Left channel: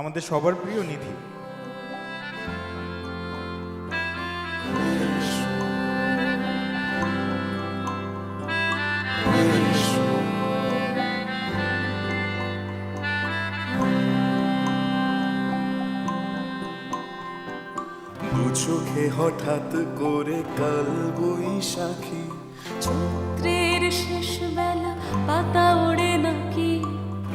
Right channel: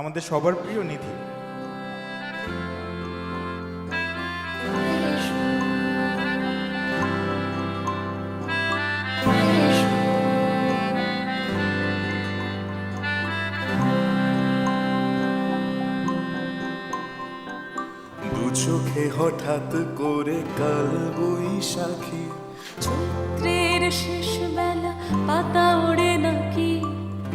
আমাদের সবার প্রিয় নিধি। দু চোখে হঠাৎ করে কাল বৈশাখী। চৈত্রের শেষ বেলা পাতা ওড়ে নাকি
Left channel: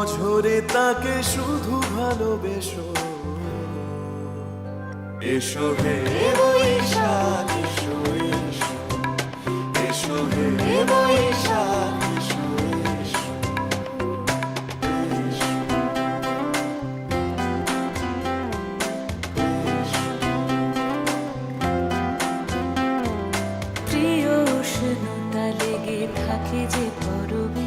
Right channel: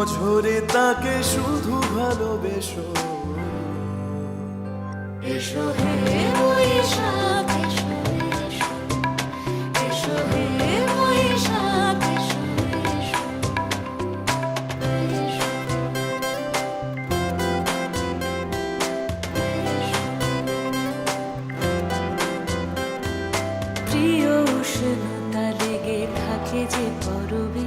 অঝরে তাকে শুধু ভালোবেসো। এসো এসো। প্রিয় উষ্ণতা লেগে থাকে যে পরবে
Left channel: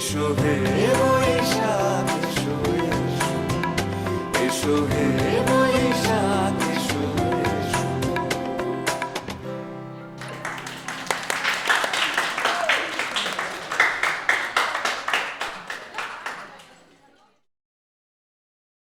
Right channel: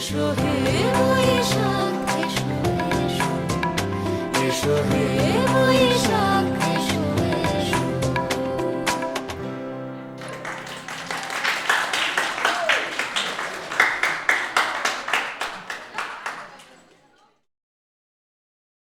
এসো হে এসো হে